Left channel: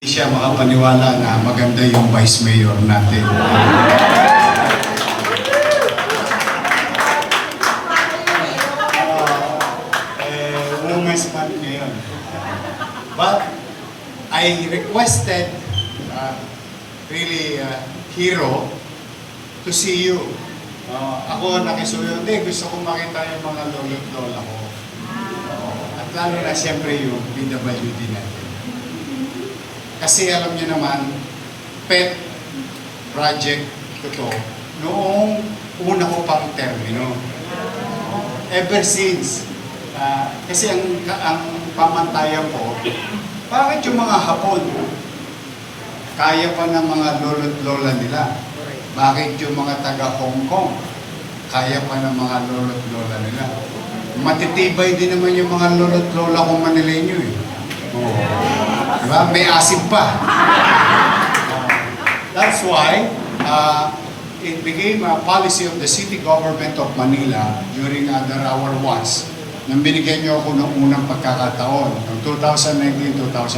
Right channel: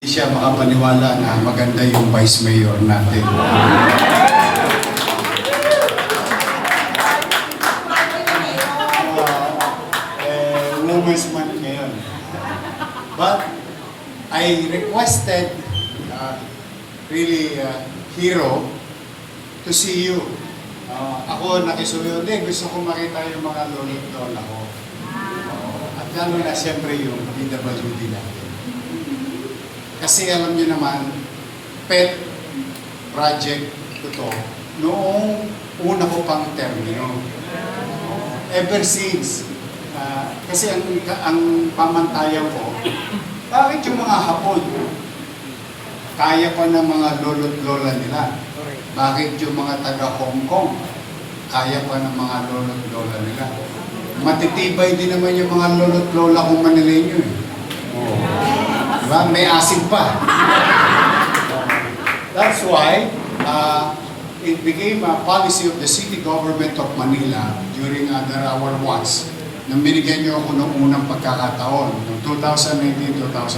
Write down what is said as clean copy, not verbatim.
Hindi siya makapaniwala na maganda yung vice mayor natin. Women's Month ngayon. But I requested Hero to see you. Ako nakisuyo, gusto ko makita yung mga lolo't lola ko. At lalo na siyempre yung PWD natin. Kasi alam niyo naman, pet project ko to noong una ko pang termino. Ever since, kasi ang pamantayan ko, bakit yung mga Hapon kaya pa ng mga lolo't lola nila? Bakit yung mga taga Hong Kong kaya pa ng mga lolo't lola nila? Matitibay din naman yung mga lolo't lola kong Manileño eh. Diba? May asin pa. That's why it became a policy of the city government of Manila during under our watch nang binigyan niyo ako ng unang pagkakataon, noong 2019-2020.